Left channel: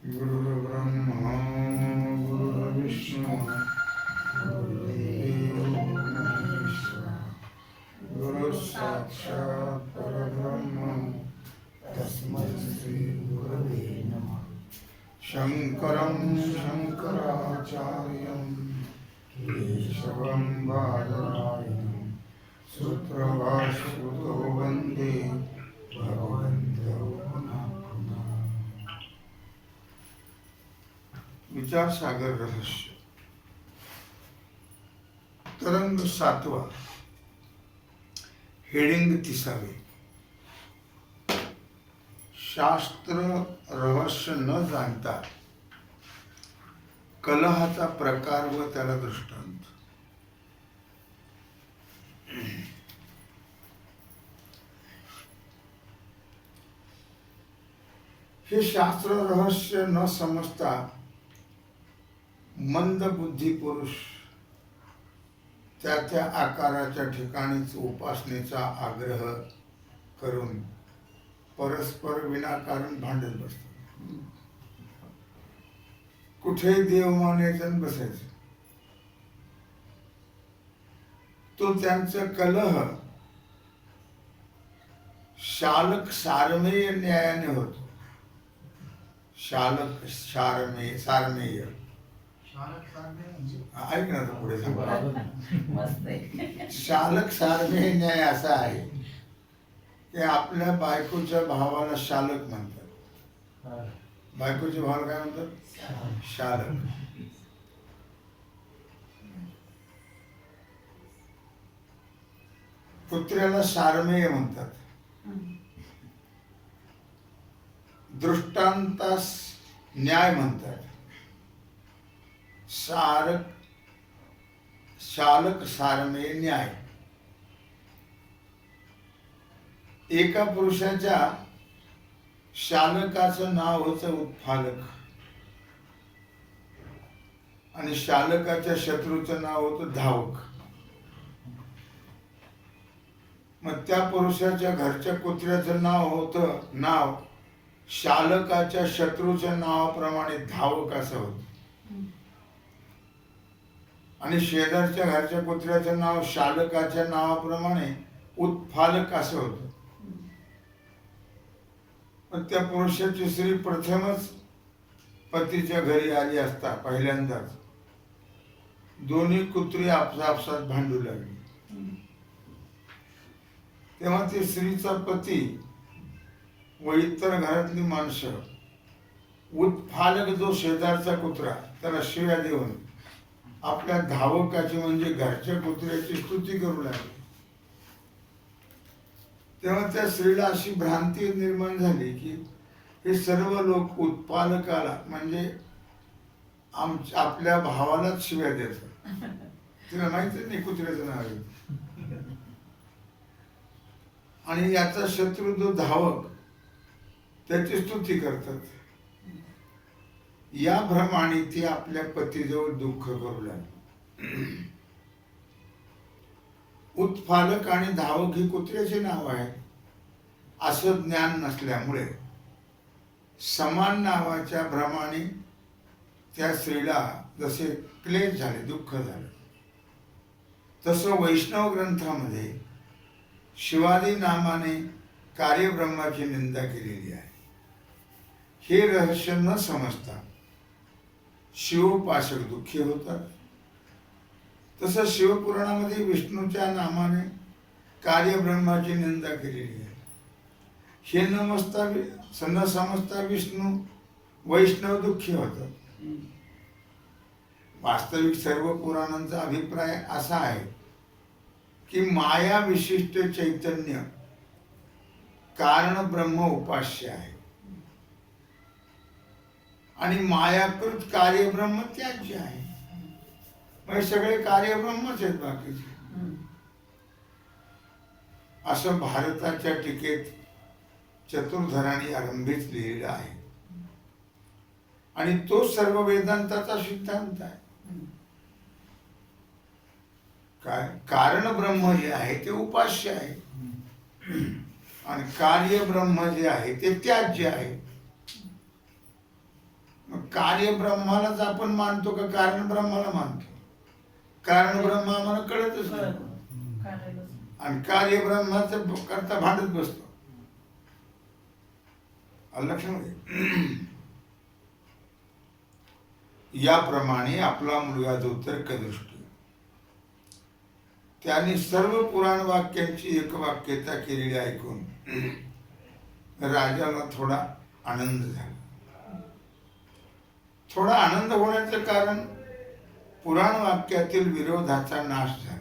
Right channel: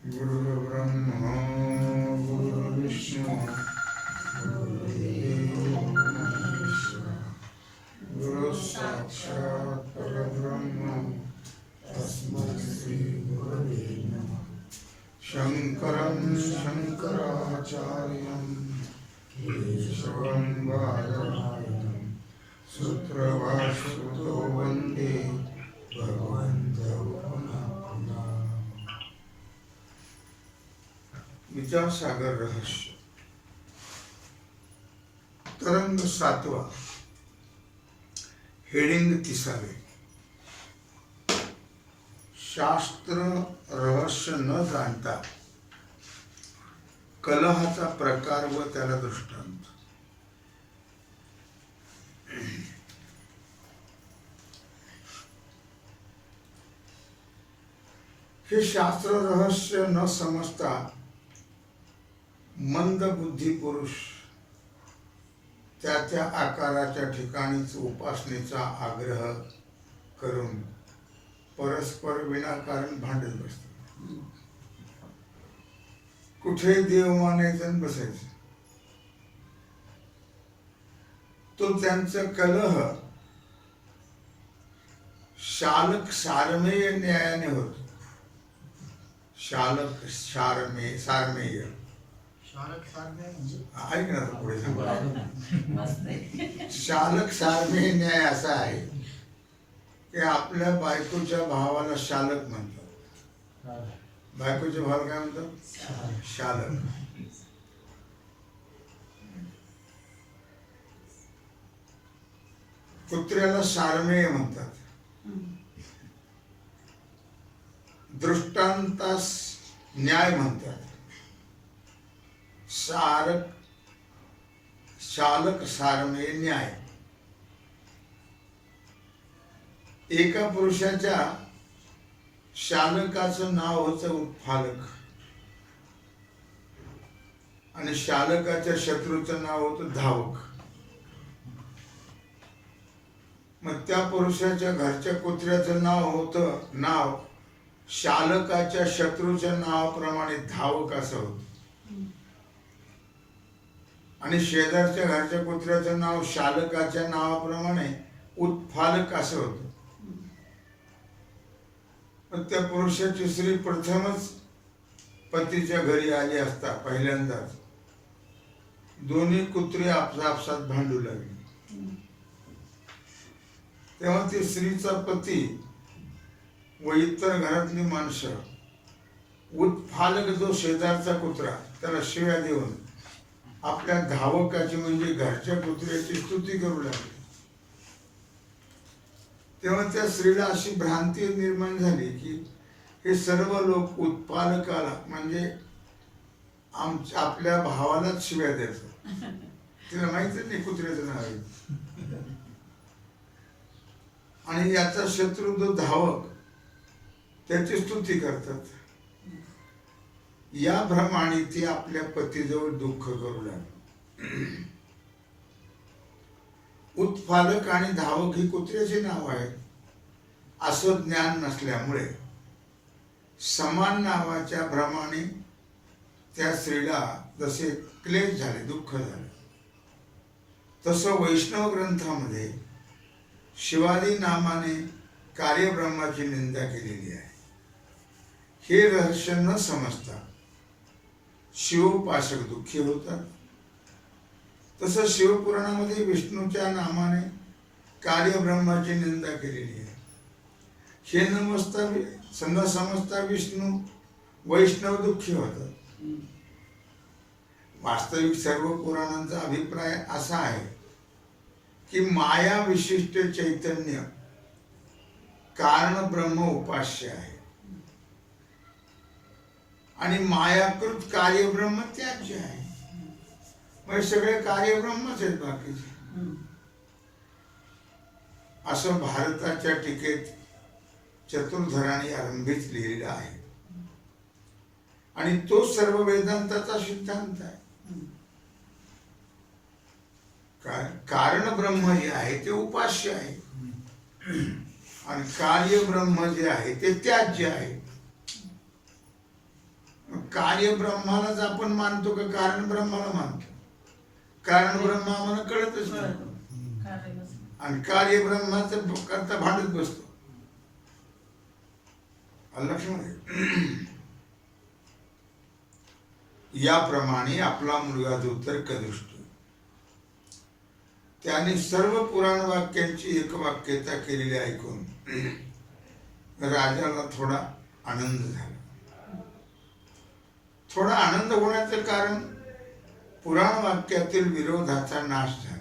गुरुर्ब्रह्मा गुरुर्विष्णु गुरुर्देवो महेश्वरः गुरुः साक्षात् परब्रह्म तस्मै श्री गुरवे नमः। शंकरं शंकराचार्यं केशवं बादरायणं सूत्रभाष्यकृतो वन्दे भगवन्तौ पुनः पुनः। विचार सागर रहस्य तरंग 7वा, हेडिंग 30वे। शास्त्र रहस्य न जाणता कलहाचा प्रकार व त्याला दृष्टांत। हे शास्त्र रहस्य न समजता मंद बुद्धी पुरुष त्या त्या आकाराच्या ठिकाणीच उपासनेचा आग्रह करून परस्पर विनाकारण भांडत बसतात। कुठे देव मानायचं बसायचं, तो त्यांचा कलह शालक सारमेय न्यायाने होतो। शालक सारमेय ऐक ना, पुढे शालक सारमेय न्याय असा आहे की आपल्या बायकोच्या भावाला शालक म्हणतात। बायकोच्या भावाला काय म्हणतात? शालक। कुत्र्याला सारमेय म्हणतात। दृष्टांतास न्याय म्हणतात। शालक सारमेय न्याय। एका पुरुषाच्या शालकाचं नाव होतं उत्फालक आणि शालकाच्या शत्रूचं नाव होतं धावक। मग त्या पुरुषाच्या घरच्या कुत्र्याचं नाव शालकाच्या शत्रूच्या नावाप्रमाणे धावक असं होतं आणि शेजारच्या घरच्या कुत्र्याचं नाव शालकाच्या नावाप्रमाणे उत्फालक असं होतं। पण त्या पुरुषाची स्त्री प्रथमच पतीच्या घरी आली असता पहिल्यांदाच दोन्ही कुत्री आपसात भांडू लागली। तेव्हा ती स्त्रीचा पती व इतर घरातली माणसं उत्फालक जो शेजारचा कुत्रा त्याला शिव्या देऊन आपल्या धावकाची म्हणजे घरच्या कुत्र्याची स्तुती करू लागली। तेव्हा त्या स्त्रीला अशी भ्रांती निर्माण झाली की हे सर्व लोक उत्पादकाला म्हणजे आपल्या भावालाच शिव्या देतात। तिला माहितीच नाही कुत्र्याचं नाव आहे आणि याचा शत्रू जो धावक त्याची स्तुती करतात। या भ्रमाने ती आपल्या पतीजवळ दुःख करू लागली। उत्फालक आणि धावक ही कुत्र्याचे नाव आहे असं ज्ञान नसल्यामुळे समान नावाच्या भ्रमाने त्या स्त्रीला जसे क्लेश झाले, दुःख झाले, तसं वैष्णव ग्रंथामध्ये शिवादी नामाने कार्यब्रह्माची निंदा केलेली आहे। हे रहस्य न समजता शिवोपासक दुःखी होतात। तसं शिवपुराणामध्ये विष्णूच्या नामाने कार्यब्रह्माची निंदा केलेली आहे। हे न समजता विष्णू वैष्णव दुःखी होतात। वास्तविक सर्व पुराणांचा अभिप्राय असा आहे की माया विशिष्ट चैतन्य कारण ब्रह्म उपास्य आहे आणि मायाकृत कार्यब्रह्म त्याज्य आहे। म्हणजे सगळे कार्यब्रह्मच आहेत बाकीचे। असं भारताच्या टीकेत चतुर्धराने आरंभीच लिहिलेलं आहे आणि तो सर्व वेदांताचा सिद्धांत आहे। कारण ब्रह्म जे आहे ते उपास्य आहे आणि कार्य ब्रह्म जे आहे ते त्याज्य आहे। कार्य ब्रह्मालाच आपण मानतो का कारण ब्रह्माला मानतो? कारण ब्रह्म आम्हाला कळतच नाही आणि कार्य ब्रह्माचं करता भांडत बसतो. लक्षामध्ये याप्रमाणे आपला मुलगा जो तर्कदृष्टी त्याने सर्व पुराण वाक्यांची एकवाक्यता केलेली ऐकून राजाला थोडा आनंद झाला. थोडा आनंद होण्याचं कारण पुराण वाक्यातील विरोधाचा नाश झाला.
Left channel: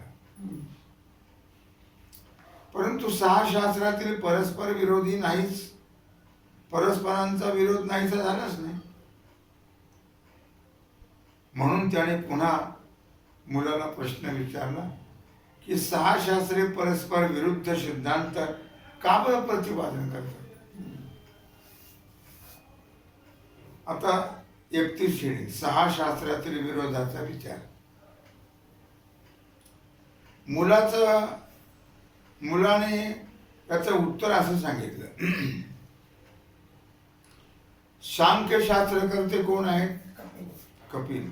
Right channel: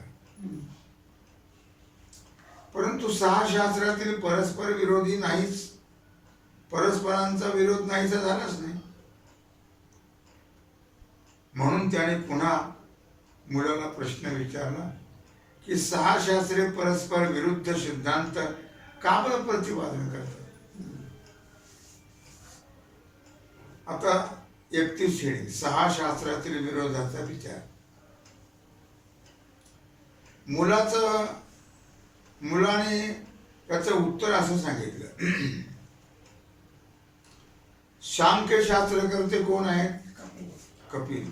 परंतु 6 शास्त्रातील परस्पर विरोधी नाहीच, परस्परांचा विरोध नाहीसा झालाच नाही. म्हणून त्याने पुन्हा मुलाला प्रश्न विचारला की 6 शास्त्रे परस्पर विरुद्ध सिद्धांत का बरं प्रतिपादन करतात? आता 31 श्रेणी 6 शास्त्रातील विरोधाचा विचार. मुलाने याचं उत्तर असं सांगितलं. सांख्य शास्त्रकर्ते कोण आहेत? कपिल.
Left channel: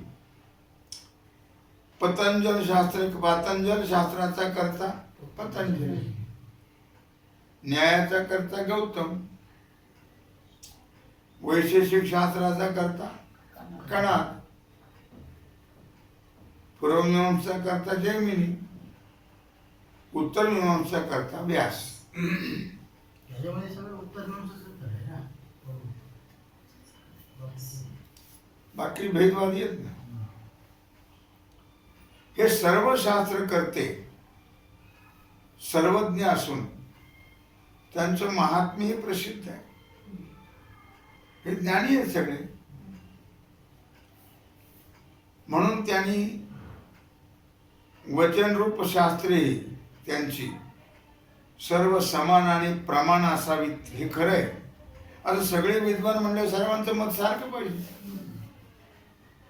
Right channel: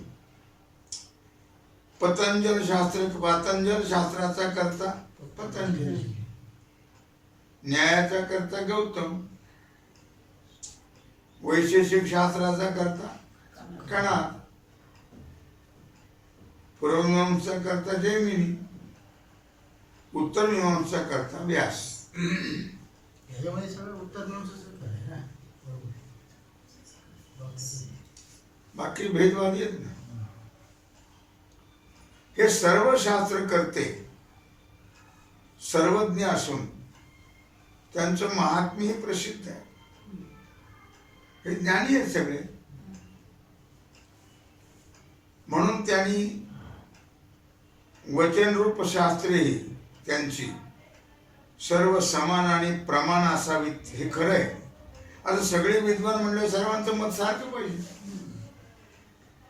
पतंजल शास्त्राचा करता पतंजल, न्यायाचा करता गौतम, वैशेषिक शास्त्राचा करता कणाद, पूर्वमीमांसा करता जैमिनी, उत्तर मीमांसा करता व्यास. याच्यामध्ये सगळं उत्तर मीमांसाच आहे ना. बाकी भेदवादी आहेत ना. हे सर्व शास्त्रकर्ते सर्वज्ञ असून त्यांचं महात्म्य प्रसिद्ध आहे. हे ज्ञानी आहेत सगळे. म्हणून त्यांनी वचनरूप शास्त्रे त्यांची सर्व समान आणि प्रमाण असावीत हे खरं आहे. आता सगळे विद्वान म्हणले सर्वांचं मत सारखं पाहिजे,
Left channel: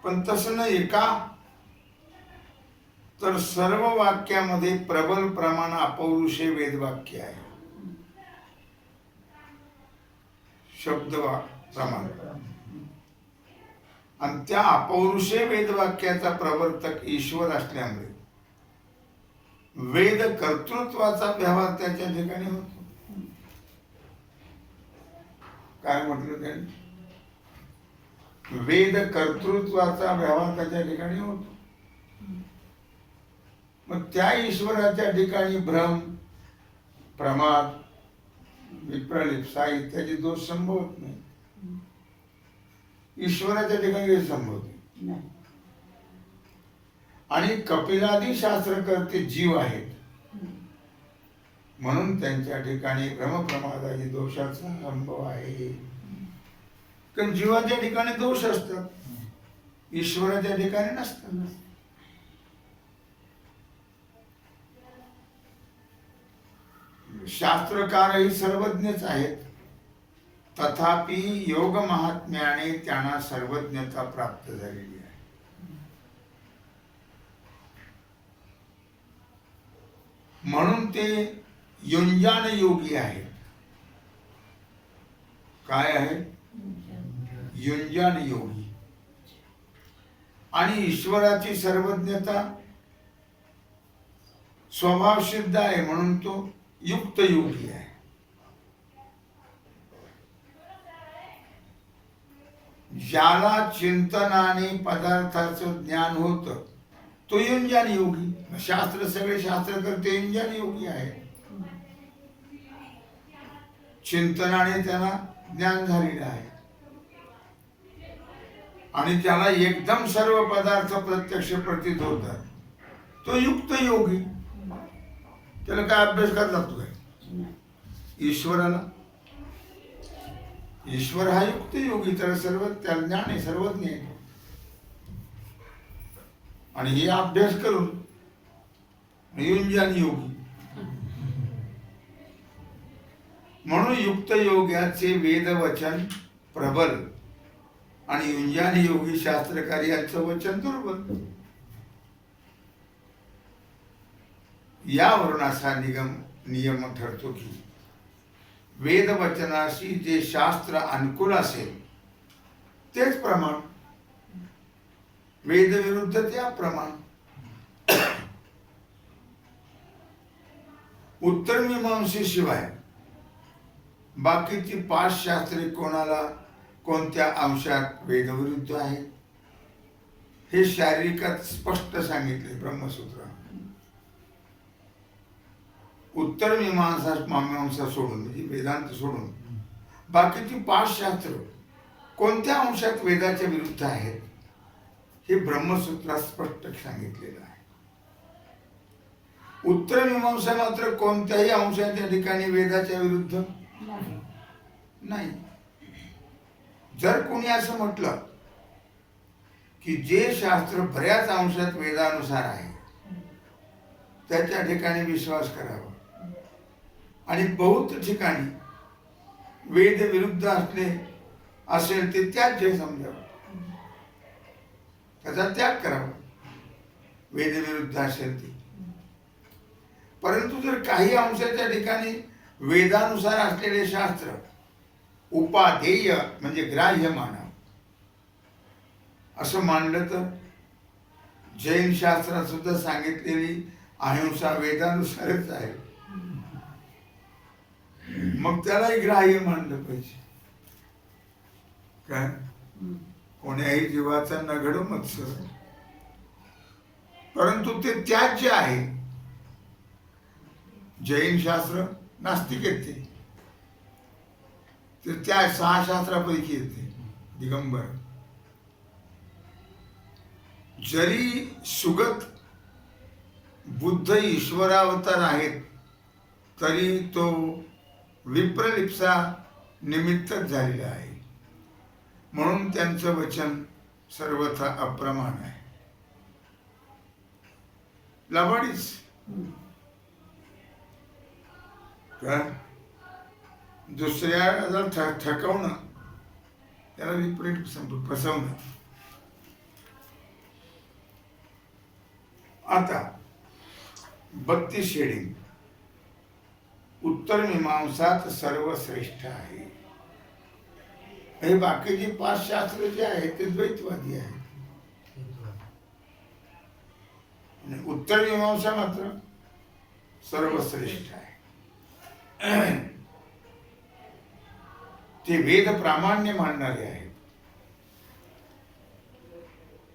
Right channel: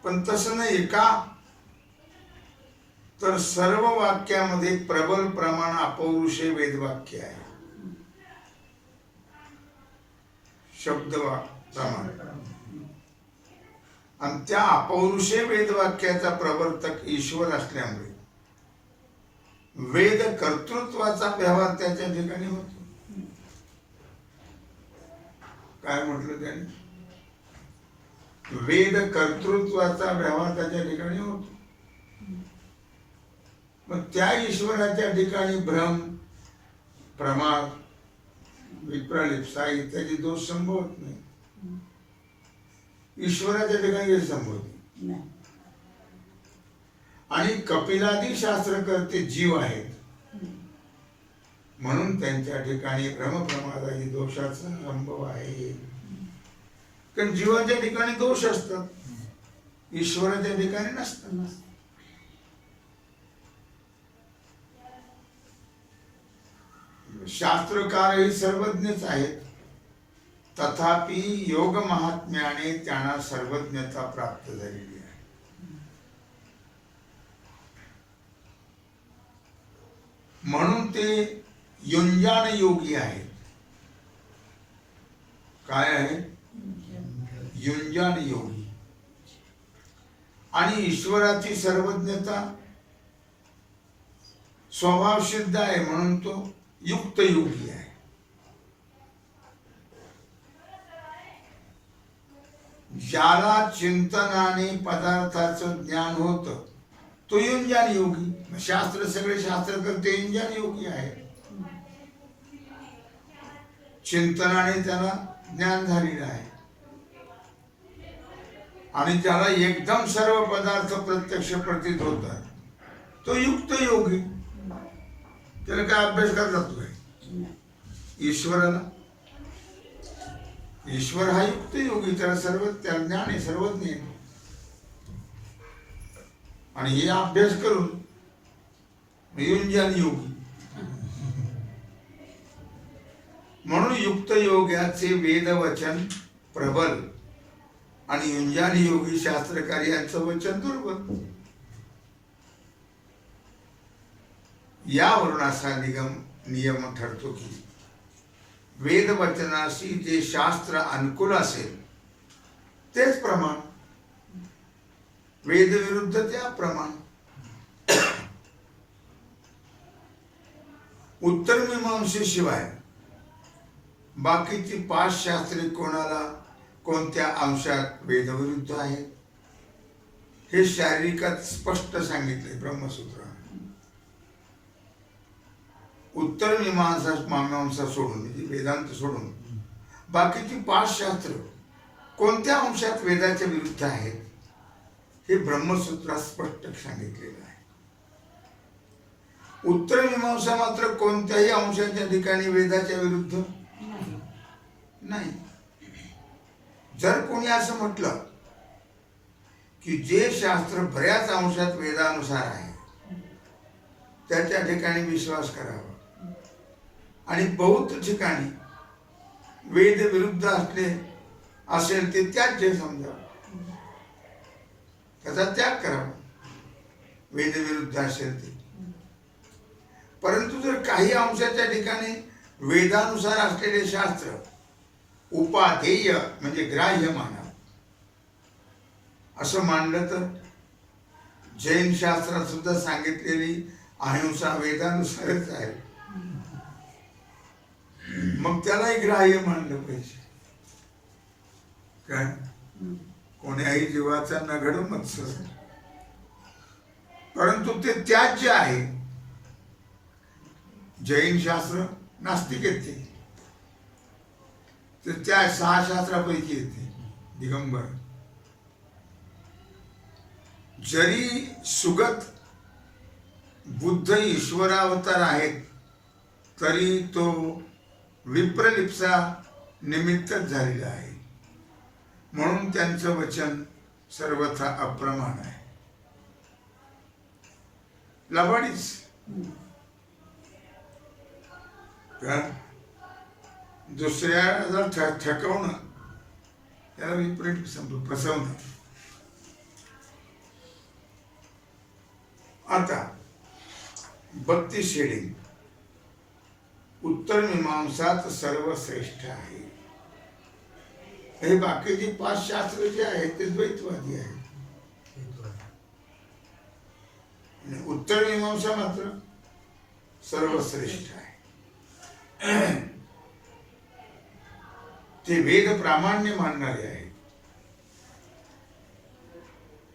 पण तसं नाही. का तर सर्व वाक्यामध्ये प्रबल प्रमाण अपौरुषे वेदवाक्य आहे. शब्द प्रमाण आणि त्या अपौरुषे वेदवाक्याचा प्रवर्तक ईश्वर असल्यामुळे वेद कर्तृत्वाचा व्यवहार त्याच्या ठिकाणी होतो. काय म्हटलं त्याने? वेद कर्तृत्वाचा व्यवहार त्याच्या ठिकाणी होतो. मग त्या ईश्वराच्या ठिकाणी भ्रम, प्रमाद, विप्रलिप्सा इत्यादी दोष संभवत नाही. ईश्वराच्या ठिकाणी हे संभवते. आणि कपिलादी शास्त्रकर्ते जीव आहेत, म्हणून त्यांच्या ठिकाणी भ्रमप्रमादादी दोषाचा संभव आहे. कारण जीवाच्या ठिकाणी दोष असतात, ईश्वराच्या ठिकाणी नसतात. शास्त्रकारही सर्वज्ञच आहेत, तथापि योग महात्म्याने त्यांना सर्वज्ञता प्राप्त झालेली आहे. म्हणून ते युंजान योगी आहेत. काय आहे? युंजान योगी. आणि ईश्वराची सर्वज्ञता स्वभाव सिद्ध आहे, म्हणून तो युक्त योगी आहे. ज्याला चिंतनाने पदार्थाचं ज्ञान होत तो युंजान योगी. शास्त्र सगळे शास्त्र करते युंजान योगी आहे. चिंतनाने त्याला ज्ञान झालेलं आहे. आणि ज्याला एकदम सर्व पदार्थ प्रत्यक्ष प्रतीत होतात तो युक्त योगी. त्याला काय अभ्यास करता तू ईश्वराला? ईश्वर हा युक्त योगी, त्याला सर्व ज्ञान आहे, सर्वज्ञ आहे. आणि हे अभ्यास करून युंजान योगी. म्हणून युक्त योग्याचे वेदवचन प्रबल आणि युंजान योगी शास्त्रकारी यांचं वचन दुर्बल. यावरून असा नियम ठरतो की वेदवचनाशी जे शास्त्र अनुकूल असेल तेच प्रमाण, वेद विरुद्ध ते अप्रमाण. उत्तर मीमांसेशिवाय बाकीची 5 शास्त्रे कोणत्या अंशात वेदविरुद्ध आहेत हे शारीरिकात स्पष्ट सांगितले ब्रह्मसूत्र. उत्तर मीमांसा सोडून म्हणजे वेदांत सोडून बाकीची 5 शास्त्र कोणत्या अंशात वेदाच्या विरुद्ध आहेत हे ब्रह्मसूत्रात स्पष्ट सांगितलेलं आहे. उत्तर मीमांसा मात्र कोणत्याही अंशाच्या ठिकाणी वेदाच्या विरुद्ध नाही. जर कोणी असं म्हटलं की जे शास्त्र बऱ्याच अंशात वेदानुसार आहे त्याच्या ठिकाणी विश्वास करावा आणि बहुत ठिकाणी वेद विरुद्ध असेल ते त्याज्य समजावं, त्याचा त्याग करावा वेद विरुद्ध असेल ते. परंतु जर काही अंशाच्या ठिकाणी वेदानुसार असलेले शास्त्र उपादेय म्हणजे ग्राह्य मानावं असं मानलं तर जैन शास्त्रात सुद्धा सांगितलेली अहिंसा वेदानुसारच आहे, मग त्यालाही ग्राह्य मानलं पाहिजे. काय कोण्याही जीवाचा नघड मत्सर, परंतु ते त्याज्य आहे. जैन शास्त्र नास्तिक येते, तर त्या 6 शास्त्रापैकी येते दिगंबर. जरी सुगत बुद्ध ईश्वरावतार आहेत तरी तो विप्रलिप्सा निमित्तच झालेला आहे, म्हणून त्यांचं वचन सर्वथा अप्रमाण आहे. लबाडीच का दुसऱ्याला ठकवणं त्याला विपरीत फसवणं. आता 32 शेडिंग. उत्तर मीमांसात सर्वश्रेष्ठ आहे. हे बाकीचे 5 शास्त्र जे आहेत ते द्वैतवादी आहेत आणि उत्तर मीमांसा मात्र सर्वश्रेष्ठ आहे. ते वेद प्रामाण्य मानणारे आहेत.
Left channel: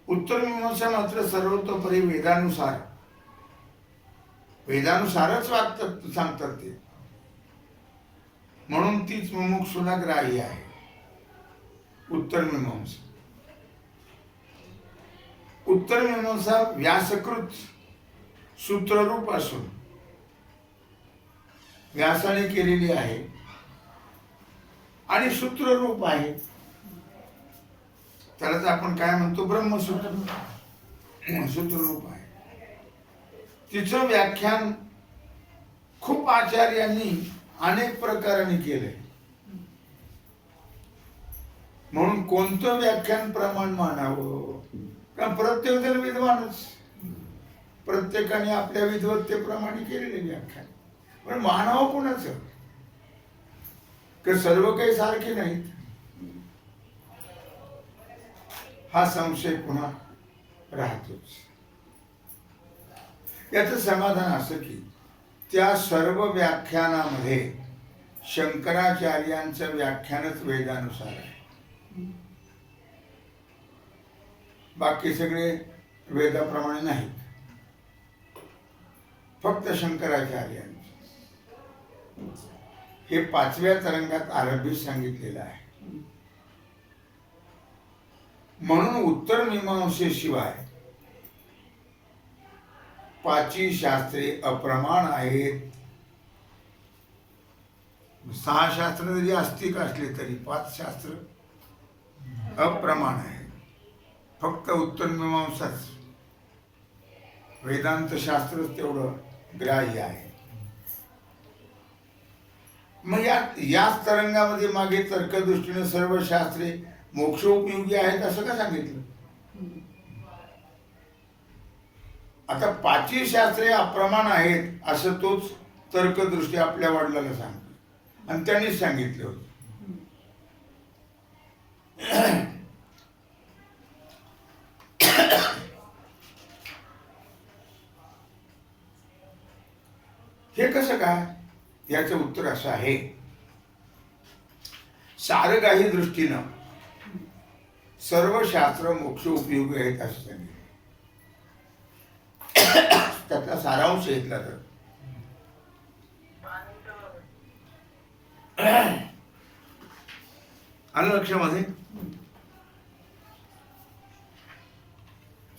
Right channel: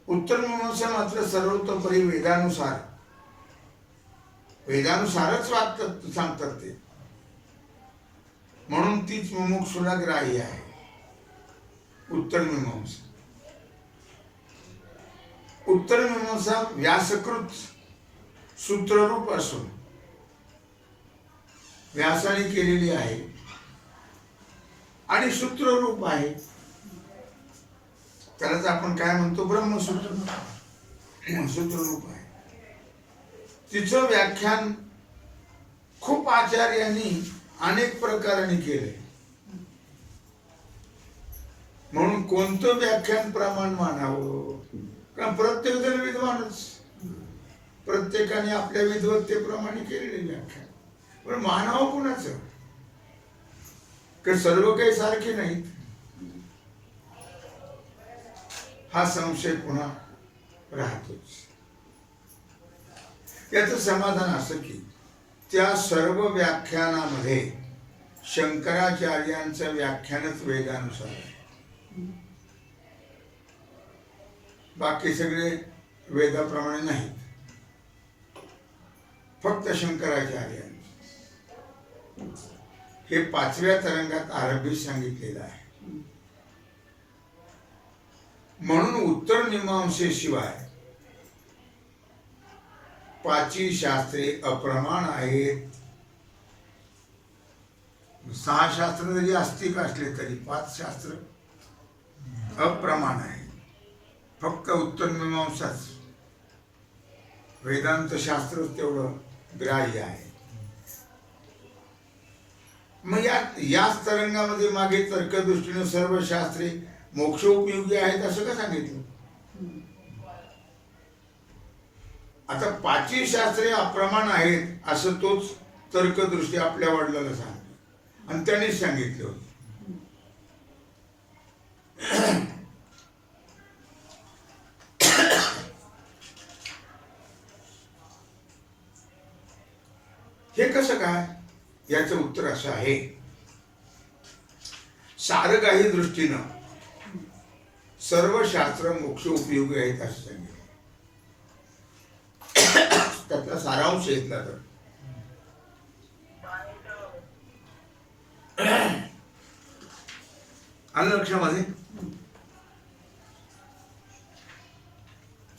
उत्तर मीमांसा मात्र सर्वतोपरी वेदानुसारच वागतात सांगतात ते, म्हणून तीच मुमुक्षुला ग्राह्य आहे. उत्तर मीमांसा व्यासकृत सूत्ररूप असून व्यासाने केलेली आहे आणि सूत्ररूप आहे. त्यालाच आपण काय म्हणतो ब्रह्मसूत्र. सूत्ररूप आहे. तिचं व्याख्यान खूप आचार्यांनी अनेक प्रकाराने केले, म्हणून कोणतं व्याख्यान प्रमाण मानावं. कारण प्रत्येक जण विद्वानच, प्रत्येकाने आपल्या विद्वत्तेप्रमाणे केलेले व्याख्यान, पण मानावं कोणाचं की सर्व काही सारखे नाहीत हा संशय पुन्हा राहतोच. याचं समाधान असं की त्या सर्व व्याख्यानामध्ये शंकराचार्यांचं व्याख्यानच वेदानुसार आहे. बाकी सगळे वेदाप्रमाणे नाहीत, फक्त शंकराचार्यांचं. हे 5व्या तरंगात आरंभी सांगितलेलं आहे. म्हणून उत्तर मीमांसेशिवाय 5 शास्त्रे अप्रमाण आहेत. 6 शास्त्र जरी आस्तिक असले तरी 5 शास्त्र अप्रमाण आहे. फक्त उत्तर मीमांसाच वेदांत शास्त्र तेवढं ग्राह्य आहे. मग याच तरंगामध्ये मागे तर्कदृष्टीने सर्व शास्त्रे मोक्षोपयोगी आहेत असं का सांगितलं. आता 5 शास्त्रे अप्रमाण आहेत असं तोच तर्कदृष्टी आपल्या वडिलांना सांगतो आणि त्यांनीच सांगितले होते. हे कसं काय? याचं उत्तर असं आहे, सारगाही दृष्टीनं सर्व शास्त्र मोक्ष उपयोगी आहेत असं सांगितलं. त्याचा सारांश घेतला तर आलं लक्षामध्ये?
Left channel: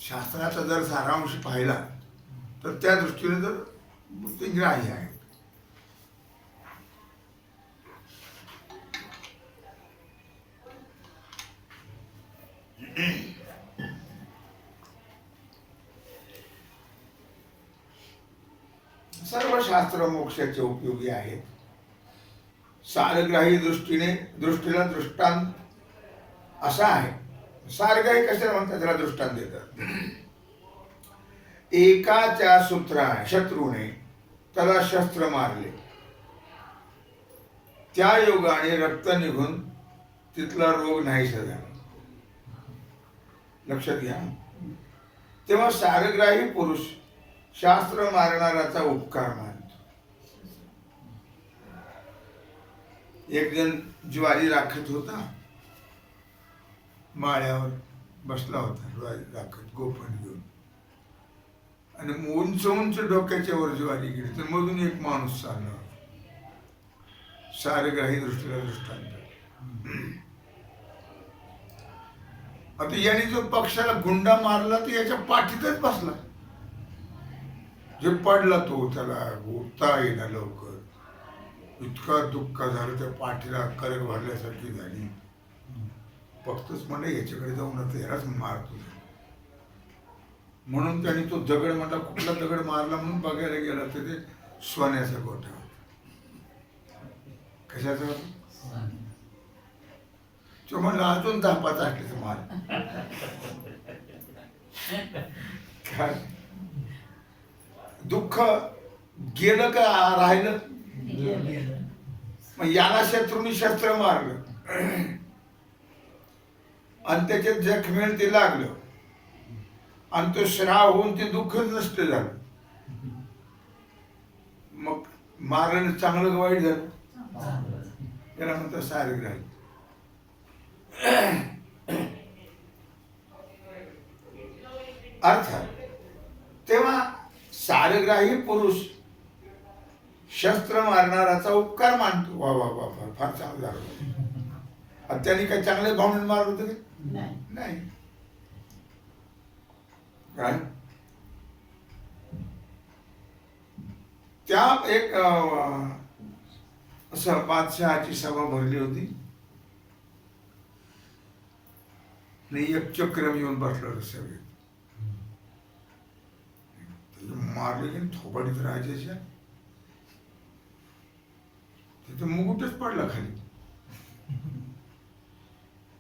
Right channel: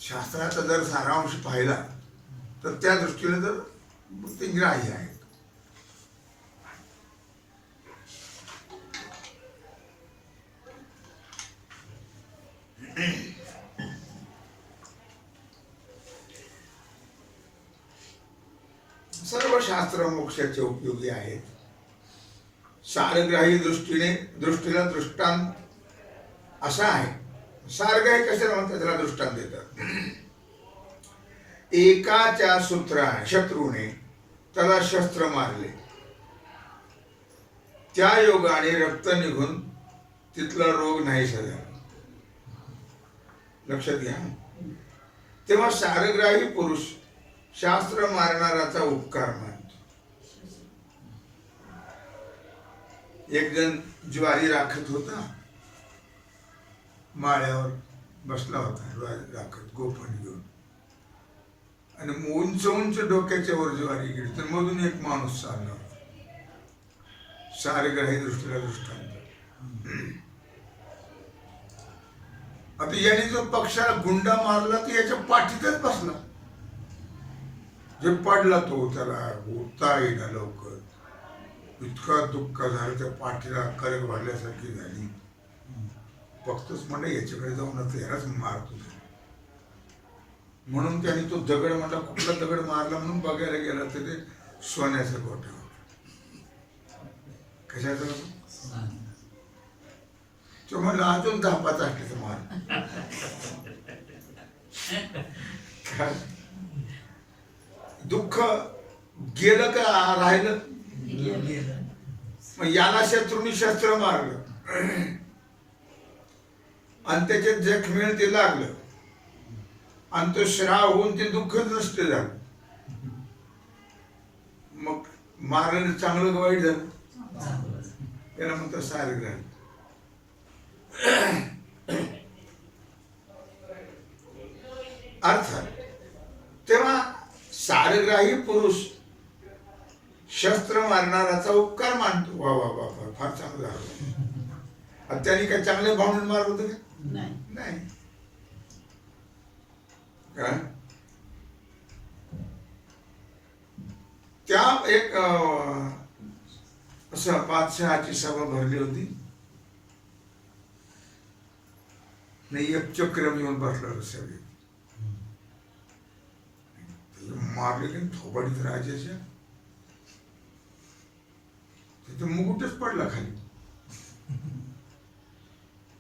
शास्त्राचा जर सारांश पाहिला तर त्या दृष्टीने जर ते ग्राह्य आहे. सर्व शास्त्र मोक्षाचे उपयोगी आहेत. सारग्राही दृष्टीला दृष्टांत असा आहे. सारग्राही कशाला म्हणतात? त्याला दृष्टांत देतात. एकाच्या शत्रूने त्याला शस्त्र मारले, त्या योगाने रक्त निघून तिथला रोग नाहीसा झाला. लक्षात घ्या. तेव्हा सारग्राही पुरुष शास्त्र मारणाराचा उपकार मानतो. एक जण ज्वारी राखत होता, माळ्यावर बसला होता ज्वारी राखत गोफण घेऊन, आणि उंच उंच डोक्याच्या वर ज्वारी गेली, तर मधून एक माणूस चालला होता. सारग्राही दृष्टीला दृष्टांत. आता याने जो पक्षाला गुंडा मारला तो याच्या पाठीतच बसला. जे पडला तो त्याला उठता येईना लवकर. इतका दुःख झालं, त्या पाठीला करक भरल्यासारखी झाली. फक्तच म्हणलं याच्याकडे जाऊन आता यालाच मारतो. म्हणून त्याने तो दगड म्हणला, कुठला दगड मारला म्हणून बघायला गेला तर ते सोन्याचा गोठा होता. कशाचा होता? तो म्हणला अजून 10-5 आटले मार. काय दुःख गेलं का राहिलं? मग याला शत्रूंनी शस्त्र मारलं आणि त्याच्यात जखमेल ते लागलं आणि तो श्राव होऊन ते दुःखच नष्ट झालं. मग मारल्याने चांगलं वाईट झालं. त्याला म्हणतात सारग्राही. अर्थात तेव्हा सारग्राही पुरुष शस्त्र मारणाराचा उपकार मानतो. वा वा वा, फार चांगलं झालं. त्यांनी काय चांगले भावनेने मारत होतं का? नाही. काय त्या एक असं बादशहाची सभा भरली होती. नाही, एक चक्रम येऊन बसलं सगळे मारले थोबाडीत राजाच्या. तिथे मुकुटच पडला खाली.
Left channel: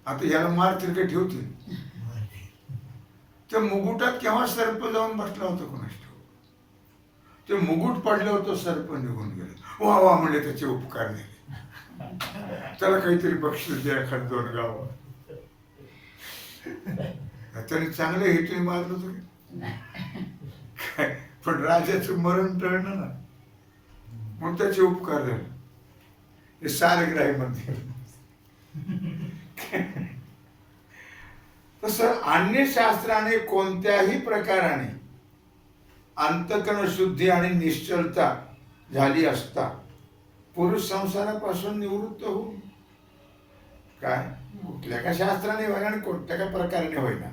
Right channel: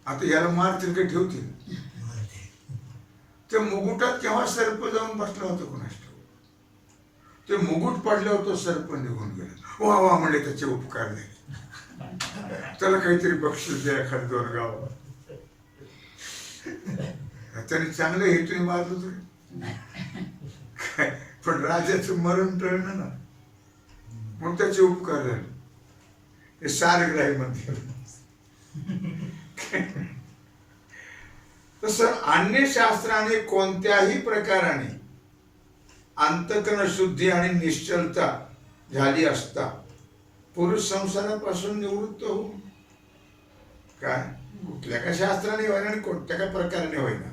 आता याला मारतील का ठेवतील? त्या मुकुटात केव्हा सर्प जाऊन बसला होता कोणाच ठाऊक. ते मुकुट पडलं होतं, सर्प निघून गेलं. वा वा म्हणले, त्याचे उपकार नाही. त्याला काहीतरी बक्षीस द्या, एखाद 2 गाव. त्याने चांगलं हेटून मारलं तुला, पण राजाचं मरण टळलं ना, मग त्याचे उपकार झाले. हे सारग्राही म्हणते. तसं अन्य शास्त्राने कोणत्याही प्रकाराने अंतकरण शुद्धी आणि निश्चलता झाली असता पुरुष संसारापासून निवृत्त होऊ. काय कुठल्या का शास्त्राने होईना आणि कोणत्या का प्रकाराने होईना,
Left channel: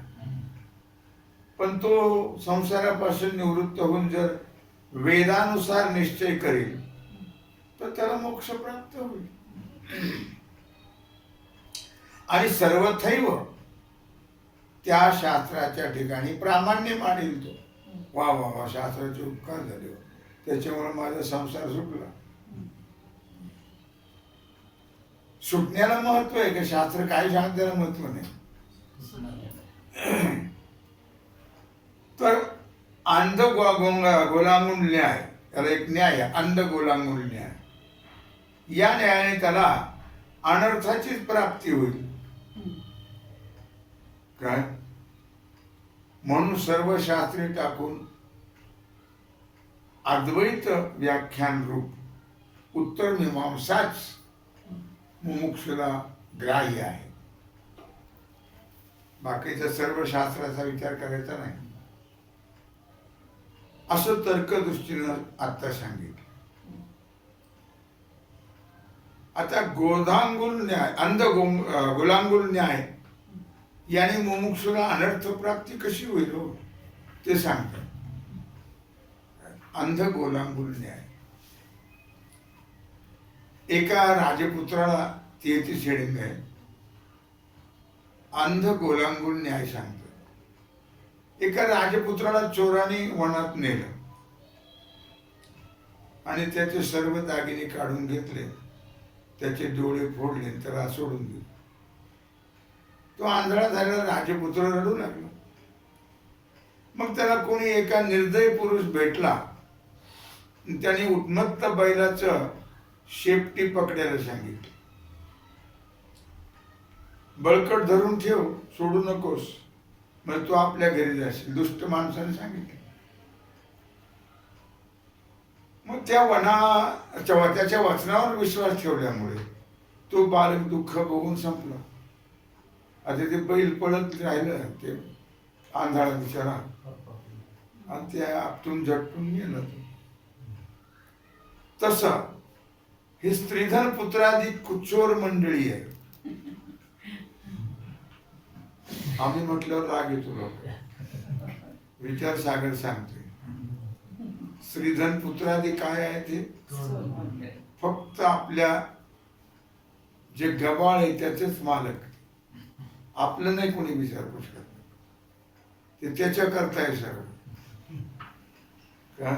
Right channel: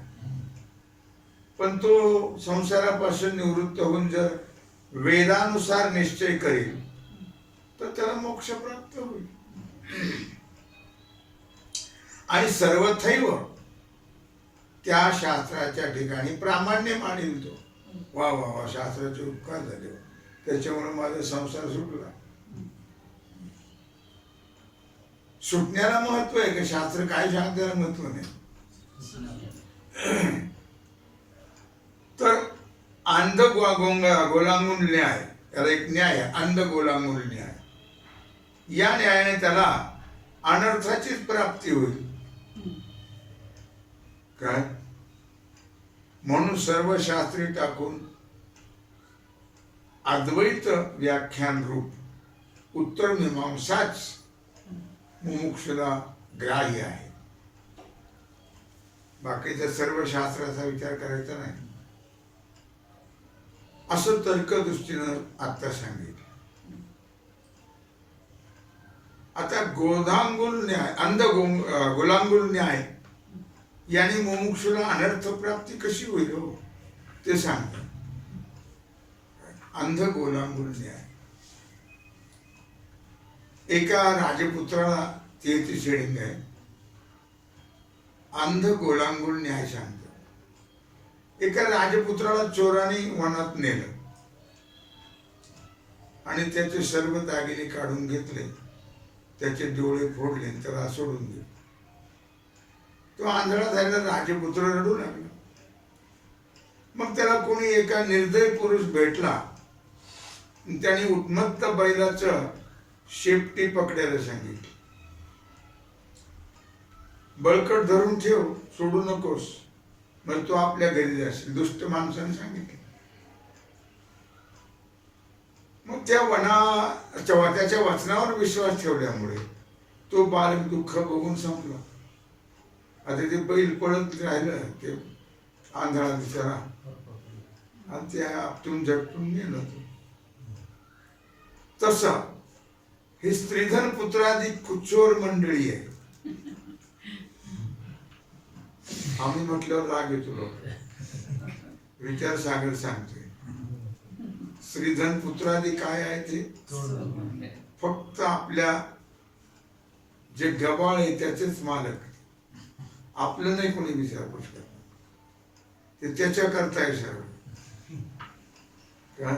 पण तो संसारापासून निवृत्त होऊन जर वेदानुसार निश्चय करेल तर त्याला मोक्ष प्राप्त होईल. आणि सर्वथैव त्या शास्त्राच्या ठिकाणी प्रामाण्य मानेल तो. वा वा वा, शास्त्राचे उपकार झाले, त्याच्यामुळे माझा संसार सुटला. सुटण्याला महत्व आहे का? शास्त्र काय सांगण्याला महत्व नाही. तर अंध गोलांगून न्याय, त्याला एक न्याय आहे, अंध गोलांगून न्याय. या न्यायाने त्याला अनर्थाचीच प्राप्ती होईल. काय म्हणून सर्व शास्त्रे टाकून अद्वैत व्याख्यान रूप उत्तर मीमांसाच मुमुक्षुला ग्राह्य आहे. बाकीच्या सर्व शास्त्राचा विचार करायचा नाही असं तर्कदृष्टीनं आता सांगितलं. आता गोधांगुल न्याय गुलांगुल न्याय याने मुमुक्षुला अनर्थ प्राप्ती कशी होईल हो ते सांगतात. अंध गोलांगुल न्याय एका राजपुत्राला 33 हेडिंग आहे. अंध गोलांगुल न्याय सांगतो. एका राजपुत्राला चोराने वनात नेलं आणि त्याचे सर्व दागिने काढून घेतले, त्याचे डोळे फोडले आणि त्याला सोडून दिले. तो आंधळा झालेला राजपुत्र रडू लागला. मग त्याला कोणी एका निर्दयी पुरुष भेटला. त्याने उन्मत्त बैलाचं शेपटी पकडायला सांगितलं. बळकट धरून ठेव, सोडू नकोस, मग तो आपल्या घरी जाशील. दुष्ट माणसाने सांगितलं. मग त्याच्या वचनावर विश्वास ठेवल्यामुळे तो बालक दुःख बघून संपला. आता ते बैल पळत राहिलं, ते आंधळा बिचारा, आणि त्या आपटून झटून गेलं. तसं ही स्त्रीधन पुत्रादी कुचोर मंडळी आहे. आम्ही म्हटल्यावर राग येतो लोक. विचार सागर सांगतोय श्रीधन पुत्रादी काय आहे ते फक्त आपल्या जे गबाळ आहे त्याचेच मालक. आपलं नाही कोणी विचारपूस करत. ते त्याच्या करताय सर्व. का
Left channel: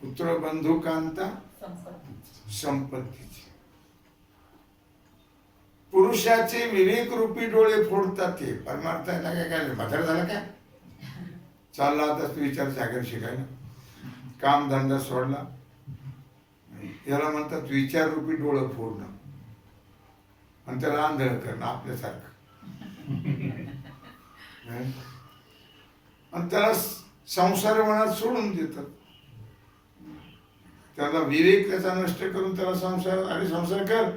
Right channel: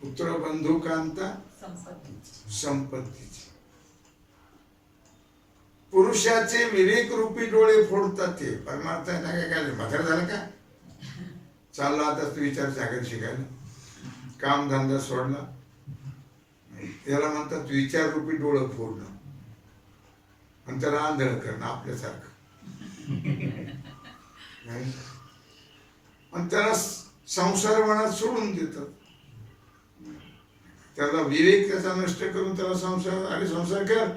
पुत्र बंधू कांता संपत्तीची. पुरुषाचे विवेक रूपी डोळे फोडतात ते. परमार्थ आहे ना. काय म्हातारा झाला का? चालला आता तू विचार सागर शिकायला. काम धंदा सोडला. याला म्हणतात विचार रूपी डोळं फोडणं आणि त्याला आंधळ करणं आपल्यासारखं. आणि त्याला संसार वनात सोडून देतात. त्याला विवेक त्याचा नष्ट करून त्याला संसार, अरे संसार कर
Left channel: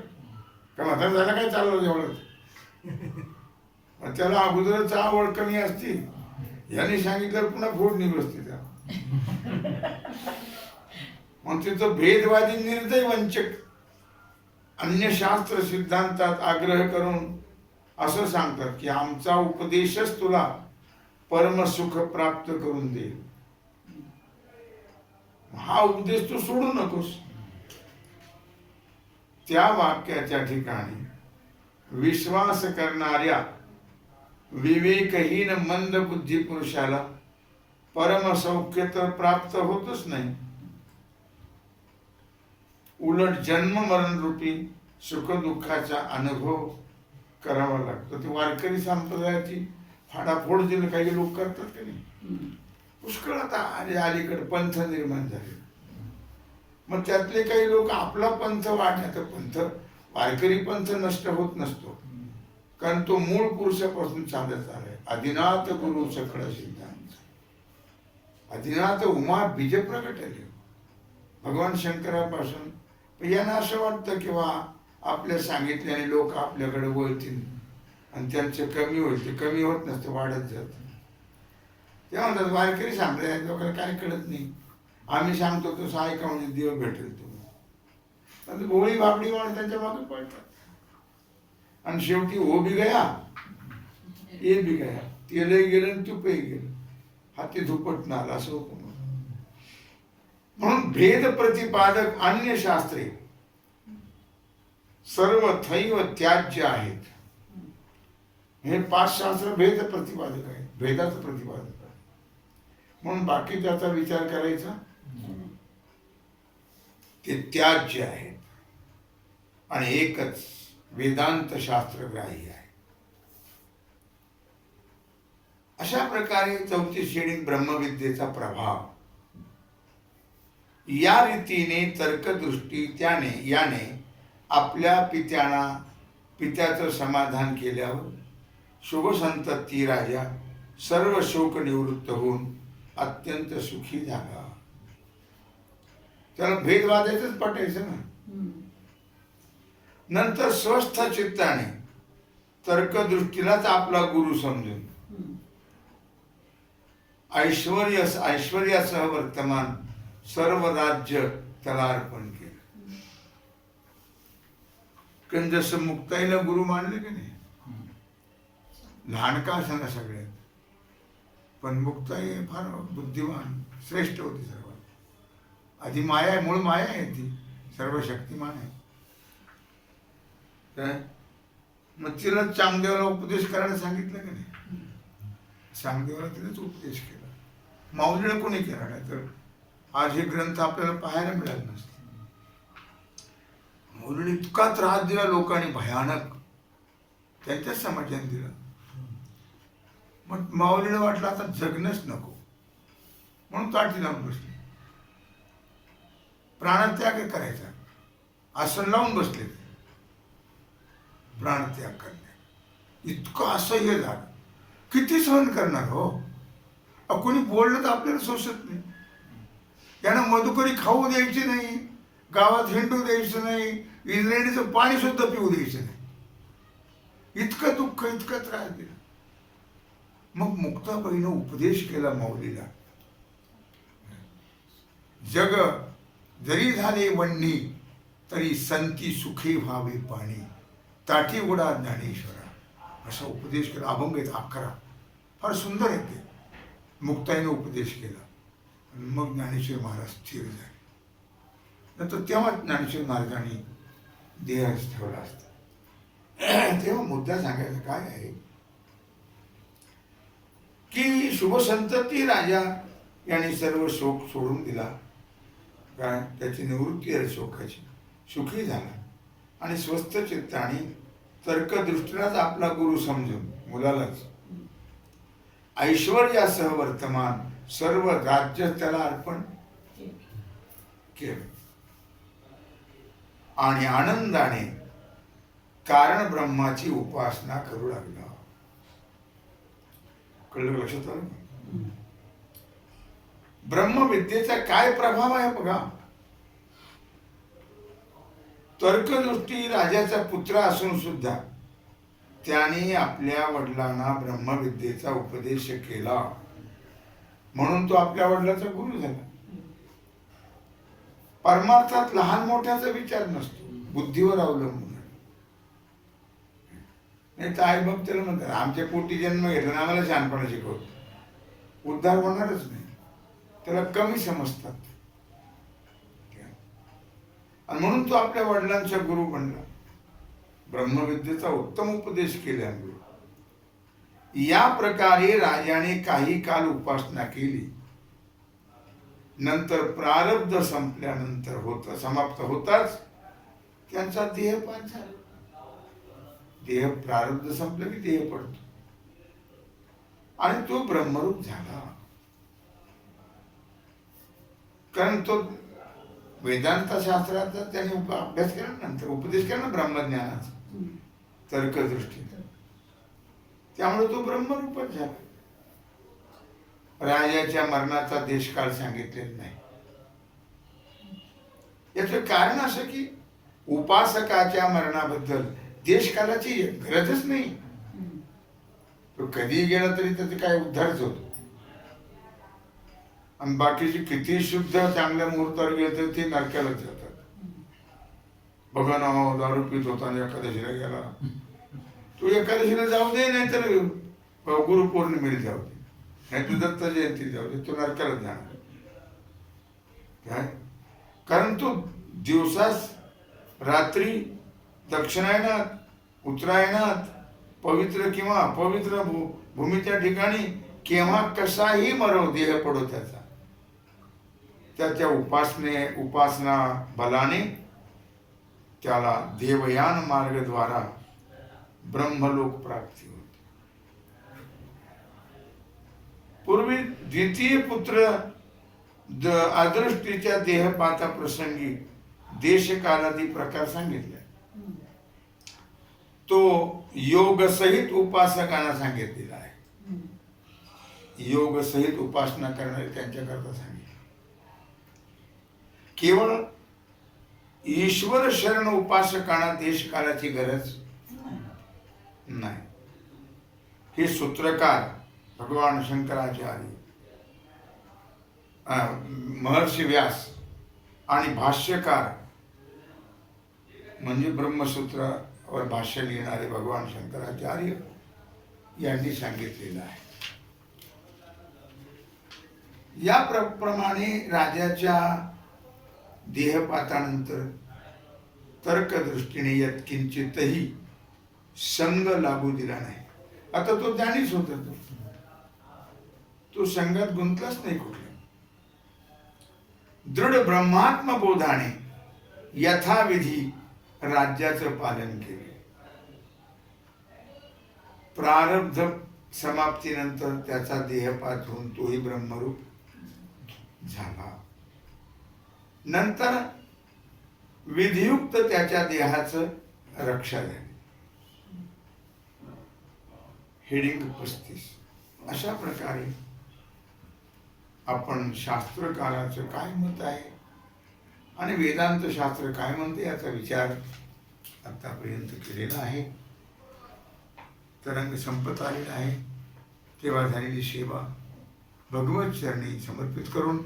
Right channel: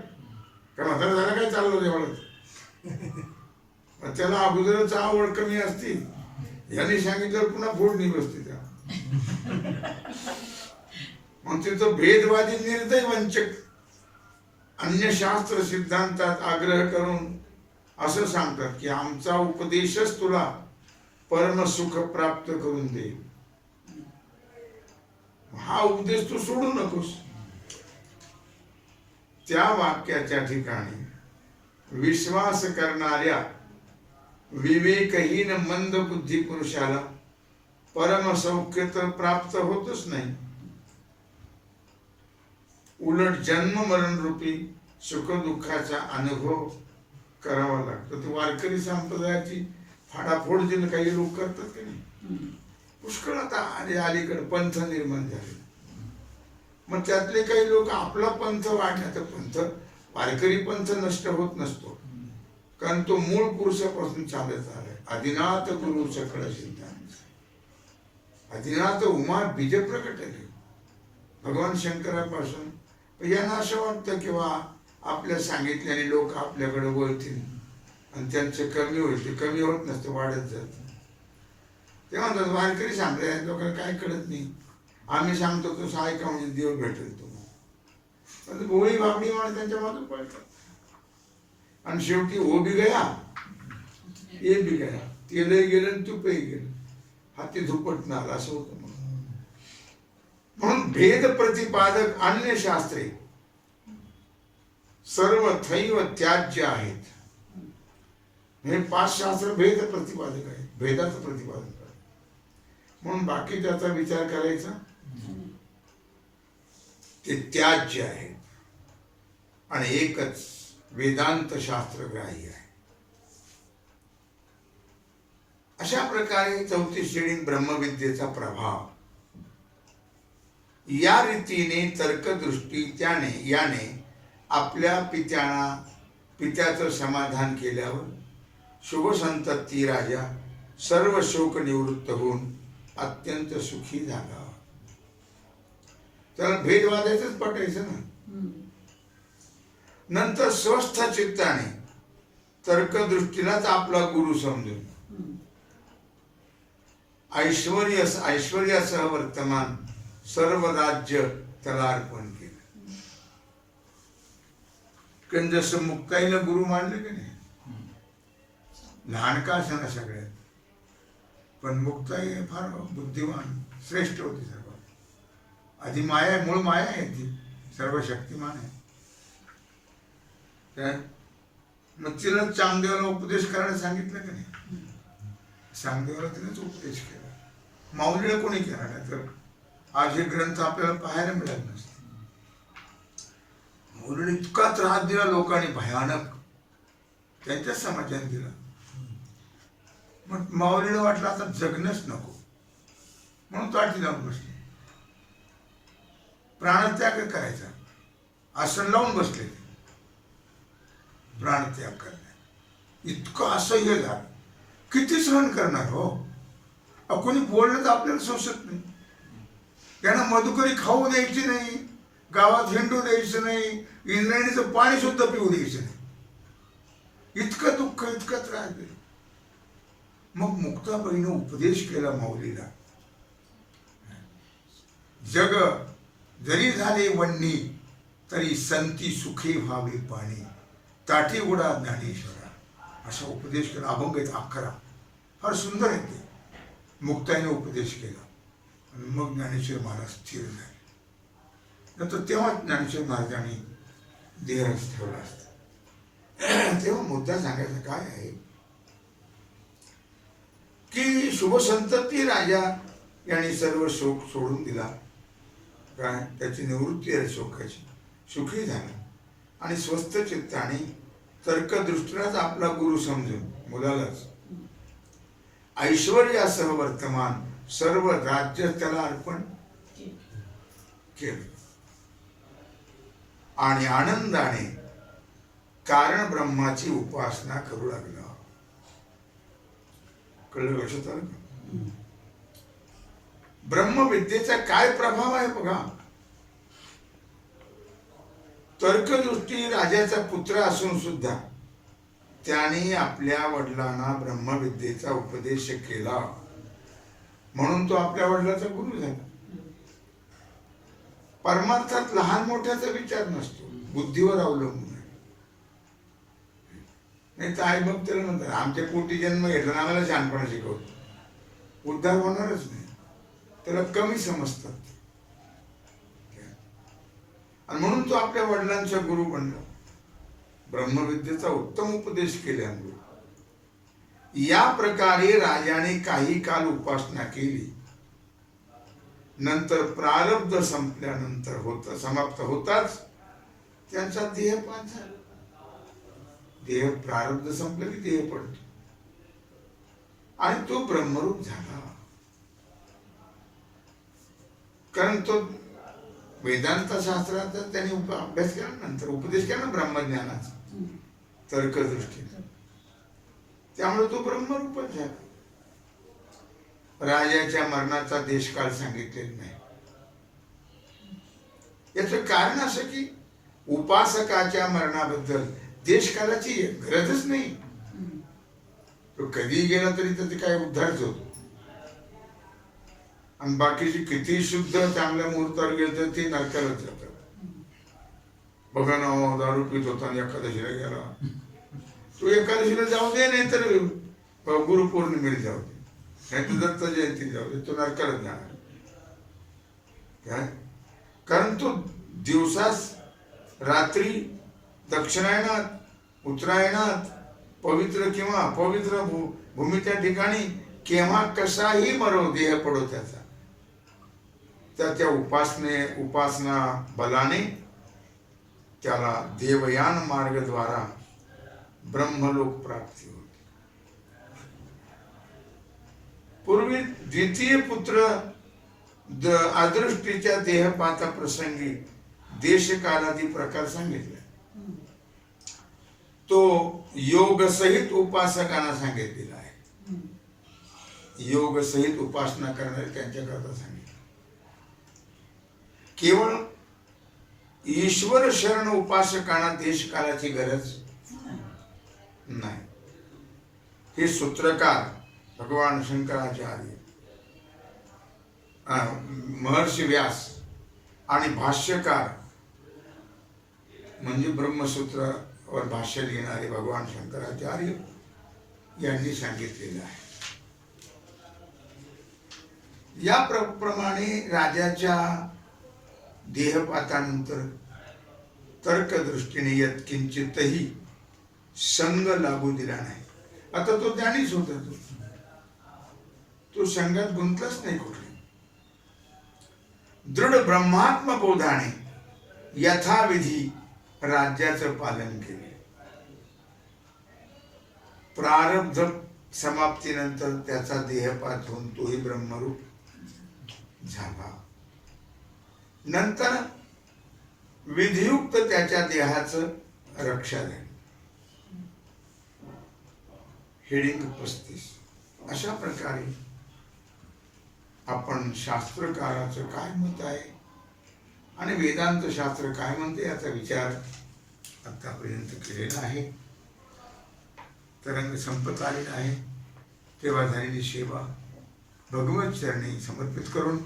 का म्हातारा झाला काय चाललं एवढं. त्याला अगोदरच आवड कमी असती. याने सांगितलं पुन्हा फोडणी बसते त्या. मग तिथं भेदवादी निर्दय वंचक अन्य शास्त्र सिद्धांतात आग्रह करून असं सांगतात की आमचा उपदेशच तुला परमसुख प्राप्त करून देईल. हा उपदेश तू सोडू नकोस. त्या वाक्याच्या ठिकाणी विश्वास करणाऱ्या विवेकहीन मंद बुद्धी पुरुषाला परमसौख्य तर प्राप्त होतच नाही. उलट जन्म मरण रूपी सुख दुःखाचा अनुभव करावा लागतो. तो वारकरी संप्रदायाची फाडाफोड जे काही लोक करतात की नाही, पुष्कळ आता अलीकडे पंथ निर्माण झाले. मग त्यातले काही लोक आपला पंथ वाढण्याचा पंथ, वारकरी पंथ नष्ट होत नसतो, कारण तो मूळ पुरुषापासून चालत आलाय. आदिनाथ गुरु सकळ सिद्धांत. आदिनाथ उमा बीज प्रकटले भगवान शंकरापासून. यांना असं वाटतं किंवा आपल्या सांगितल्याने लोक आपल्याकडे वळतील आणि त्यांचं कमी होईल. ते कमी होत नसतं, वाढत जातं. ते म्हणतात वारकरी सांगताय लोकांना काय कळत नाही. आम्ही सांगतो तसं ऐका म्हणजे देव भेटेल तुम्हाला. भोळी भाबडी माणूस त्यांच्या मागे पडतात. आणि शेवटी O B Gaya A B गया. तेलही गेलं आणि तुपही गेलं. हाती धुपटणार असं होतं. म्हणून भेद प्रतिपादक अन्य शास्त्रे सर्व थैव त्याज्य आहेत. हे 5 शास्त्र भेद प्रतिपादक आहेत, भेदाचं प्रतिपादक आहे. म्हणून बाकी त्याचा विचार करायचा ते त्याज्य आहेत आणि एकच वेदांत शास्त्र ग्राह्य आहे. अशा प्रकारे 34 हेडिंग ब्रह्मविद्येचा प्रभाव. या रीतीने तर्कदृष्टी याने आपल्या पित्याचं समाधान केल्यावर शुभसंतती राजा सर्व शोक निवृत्त होऊन अत्यंत सुखी झाला. त्याला भेद वादायचंच पटायचं ना. नंतर स्वस्थ चित्ताने तर्कदृष्टीलाच आपला गुरु समजून ऐश्वर्यासह वर्तमान सर्व राज्य त्याला अर्पण केलं. कारण जसं मुक्ताईला गुरु मानलं की नाही, लहान का असं ना सगळ्यात, पण मुक्ताई फार बुद्धिमान श्रेष्ठ होती सर्वात. आधी माया आहे, मूळ माया आहे, ती सर्व शक्तिमान आहे. काय मग तिला चांगदेवाला उपदेश करायला सांगितलं की नाही, चांगदेवाला तिलाच उपदेश केला. माऊलीला कोणी केला नाही तर आज हे ग्रंथ आपल्याला पाहायला मिळाले नसते. माऊलीने इतका त्रास दिला लोकांनी, भयानक, त्यांच्याच समाजाने दिला. मग माऊलीला वाटलं आता जगणंच नको, म्हणून ताटी लावून बसले, प्राणत्याग करायचा, आसन लावून बसले, प्राणत्याग करण्यात. इतकं असह्य झालं, किती सहन करणार हो. कोणी बोललं तर आपल्याला सोसत नाही. त्यांना मधुकरी खाऊ द्यायची नाही, गावात हिंडू द्यायचं नाही, इंद्रायणीचं पाणी सुद्धा पिऊ द्यायचं नाही. इतकं दुःख, इतका त्रास दिला. मग मुक्ताबाईनं उपदेश केला माऊलीला, जग जरी झाले वन्नी तरी संती सुखी व्हावे पाणी, ताठी उडा ज्ञानेश्वरा, असा उपदेश केला. अभंग आहेत 11, फार सुंदर आहे ते. मुक्ताईने उपदेश केला. मग ज्ञानेश्वर महाराज स्थिर झाले. नंतर तेव्हा ज्ञानेश्वर महाराजांनी देह ठेवला असता. तेव्हा मुद्दा सांगायचा काय आहे की शुभसंतती राजा यांनी सर्व शोक सोडून दिला. काय त्याची निवृत्ती आहे शोकाची, सुखी झाला आणि स्वस्थ चित्ताने तर्कदृष्टीलाच आपला गुरु समजून मुलालाच ऐश्वर्यासह वर्तमान सर्व राज्य त्याला अर्पण केलं आणि आनंदाने कारण ब्रह्माची उपासना करू लागला. कळलं, लक्षात आलं का? ब्रह्मविद्येचा काय प्रभाव आहे बघा. तर्कदृष्टी राजाचा पुत्र असून सुद्धा त्याने आपल्या वडिलांना ब्रह्मविद्येचा उपदेश केला, म्हणून तो आपल्या वडिलाचा गुरु झाला. परमार्थात लहान मोठ्याचा विचार नसतो, बुद्धीवर अवलंबून आहे. नाही तर आई बाप त्याला म्हणतात आमच्या पोटी जन्म घेतला, आम्हाला शहाणपणा शिकवतो, उद्धार होणारच नाही. त्याला कमी समजतात आणि म्हणून तो आपल्या वडिलांचा गुरु बनला. ब्रह्मविद्येचा उत्तम उपदेश केल्यामुळे या प्रकारे राजाने काही काल उपासना केली. नंतर प्रारब्ध संपल्यानंतर समाप्त होताच त्यांचा देहपात झाला. देह प्रारब्ध संपलं की देह पडतो आणि तो ब्रह्मरूप झाला. कारण तो वेदांत शास्त्राचा त्यांनी अभ्यास केला, नंतर उपदेश केला ना ब्रह्मज्ञानाचा तर्कदृष्टीने, त्यामुळे तो ब्रह्मरूपच झाला. राजाच्या मरणाचा देशकाळ सांगितलेला नाही. याचं कारण असं की उपासकाच्या मरणाबद्दल देशकालाची गरजच नाही. तो कधी गेला तरी त्याचे काय उद्धारच होतो. आणि बाकीचे किती शुद्ध चांगल्या मुहूर्तावर गेले तर ते नरकालाच जातात. बघा ना, दारू पित होता आणि एकादशीला गेला. तो एकादशीला जाऊ दे, नाही तर गुरुपौर्णिमेला जाऊ दे, नाही तर दत्त जयंतीला जाऊ दे, तो नरकालाच जाणार. काय कारण तो दिवसास रात्री दक्षिणायनात, उत्तरायणात, पवित्र किंवा अपवित्र भूमीच्या ठिकाणी केव्हा कसाही मरो देह पडो त्याचा, त्याच्या उपासना बलाने त्याला देवयान मार्गद्वारा ब्रह्मलोक प्राप्ती होते. पूर्वी द्वितीय पुत्र अदृष्टीच्या देहपाता प्रसंगी देशकालादी प्रकार सांगितले. तो योग सहित उपासकांना सांगितलेला आहे. योग सहित उपासना करणारे त्यांच्याकरता सांगितलं केवळ ईश्वर शरण उपासकांना देशकालाची गरज नाही. हे सूत्रकार भगवान शंकराचार्य, महर्षी व्यास आणि भाष्यकार म्हणजे ब्रह्मसूत्रावर भाष्य लिहिणारे भगवान शंकराचार्य यांनी सांगितलेलं आहे. या प्रमाणे राजाच्या देहपातानंतर तर्कदृष्टीने यत्किंचितही संग लागू दिला नाही. आता तो ज्ञानीच होता, तो संघात गुंतलाच नाही कुठे. दृढ ब्रह्मात्म बोधाने यथाविधी राज्याचं पालन केले. प्रारब्ध समाप्तीनंतर त्याचा देहपात होऊन तोही ब्रह्मरूप झाला. नंतर विधियुक्त त्याच्या देहाचं रक्षा झाली. हेडिंग 35. अशा प्रकारे आपण शास्त्रकाराचं काय मत आहे आणि वेदांत शास्त्र काय म्हणते याचा विचार आतापर्यंत केलेला आहे. तरंग संपत आलेला आहे. तेव्हा झालेली सेवा भगवत चरणी समर्पित करून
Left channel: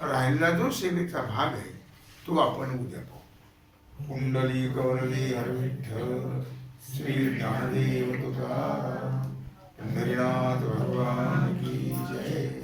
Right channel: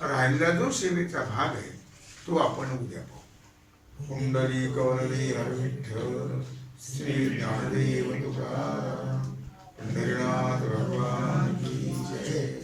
राहिलेला जो सेवेचा भाग आहे तो आपण उद्या पाहू. कुंडली कवरली हर विठ्ठल श्री ज्ञानदेव तुकाराम पंढरीनाथ भगवान की जय.